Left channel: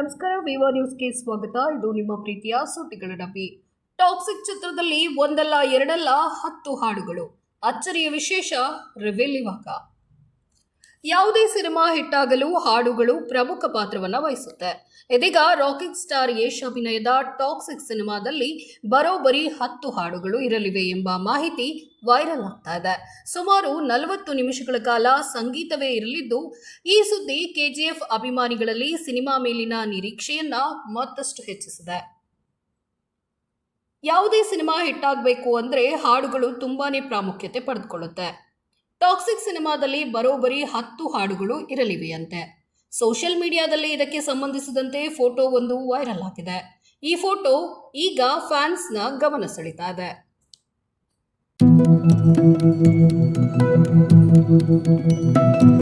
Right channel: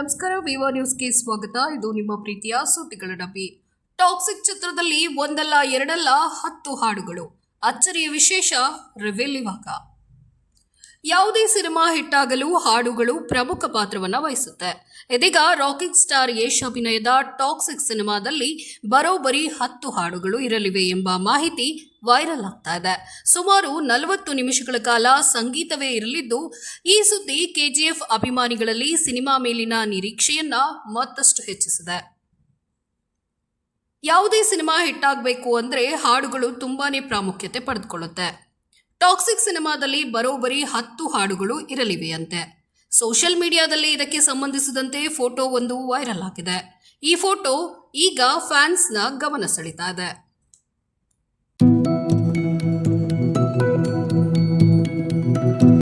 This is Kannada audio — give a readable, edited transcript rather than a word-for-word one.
ನಮಸ್ಕಾರ, ವಿವೋ ನ್ಯೂಸ್ಗೆ ಸ್ವಾಗತ. ಇದು ನಿಮ್ಮ ಪ್ರೀತಿಯ ಸುದ್ದಿಗಳ ಡಬ್ಬಿ. ಟಾಕ್ಸಿಕ್ ಚಿತ್ರದಲ್ಲಿ ಒಂದಲ್ಲ ಎರಡಲ್ಲ 10 ಹಾಡುಗಳು. ಅಚ್ಚರಿಯ ವಿಶೇಷ ರಿವೀಲ್ ಇವಾಗ. ಯಾವುದೇ ಸಿನಿಮಾ ಹಿಟ್ಟಾಗಲು ಹಾಡುಗಳು ಪ್ರಮುಖ ಪಾತ್ರವನ್ನು ವಹಿಸುತ್ತೆ. ಇದೀಗ ರಾಕಿಂಗ್ ಸ್ಟಾರ್ ಯಶ್ ಅಭಿನಯದ ಟಾಕ್ಸಿಕ್ ಸಿನಿಮಾದಲ್ಲಿ ಬರೋಬ್ಬರಿ 10 ಹಾಡುಗಳು ಇರಲಿವೆ ಎಂಬ ಮಾಹಿತಿ ವೈರಲ್ ಆಗ್ತಾ ಇದೆ. ಸುಮಾರು 40 ನಿಮಿಷಗಳ ಕಾಲ ಸಂಗೀತವೇ ಇರಲಿದ್ದು, ಈ ಸುದ್ದಿ ಕೆಜಿಎಫ್ ಅಭಿಮಾನಿಗಳಲ್ಲಿ ಸಿನಿಮಾ ಮೇಲಿನ ನಿರೀಕ್ಷೆಯನ್ನ ಮತ್ತಷ್ಟು ಹೆಚ್ಚಿಸಿದೆ. ಯಾವುದೇ ಸಿನಿಮಾ ಹಿಟ್ಟಾಗಬೇಕು ಅಂದ್ರೆ ಹಾಡುಗಳು ತುಂಬಾನೇ ಪ್ರಾಮುಖ್ಯತೆ ಪಡೆದುಕೊಳ್ಳುತ್ತೆ. ಟಾಕ್ಸಿಕ್ ಸಿನಿಮಾದಲ್ಲಿ ಬರೋಬ್ಬರಿ 10 ಹಾಡುಗಳು ಇರಲಿವೆಯಂತೆ. ಸೋಷಿಯಲ್ ಮೀಡಿಯಾದಲ್ಲಿ ಇದಕ್ಕೆ ಸಂಬಂಧಿಸಿದಂತೆ ಫೋಟೋ ಒಂದು ವೈರಲ್ ಆಗಿದೆ. ಈ ಫೋಟೋ ಈಗ ಫ್ಯಾನ್ಸ್ನ ಗಮನ ಸೆಳೀತಾ ಇದೆ.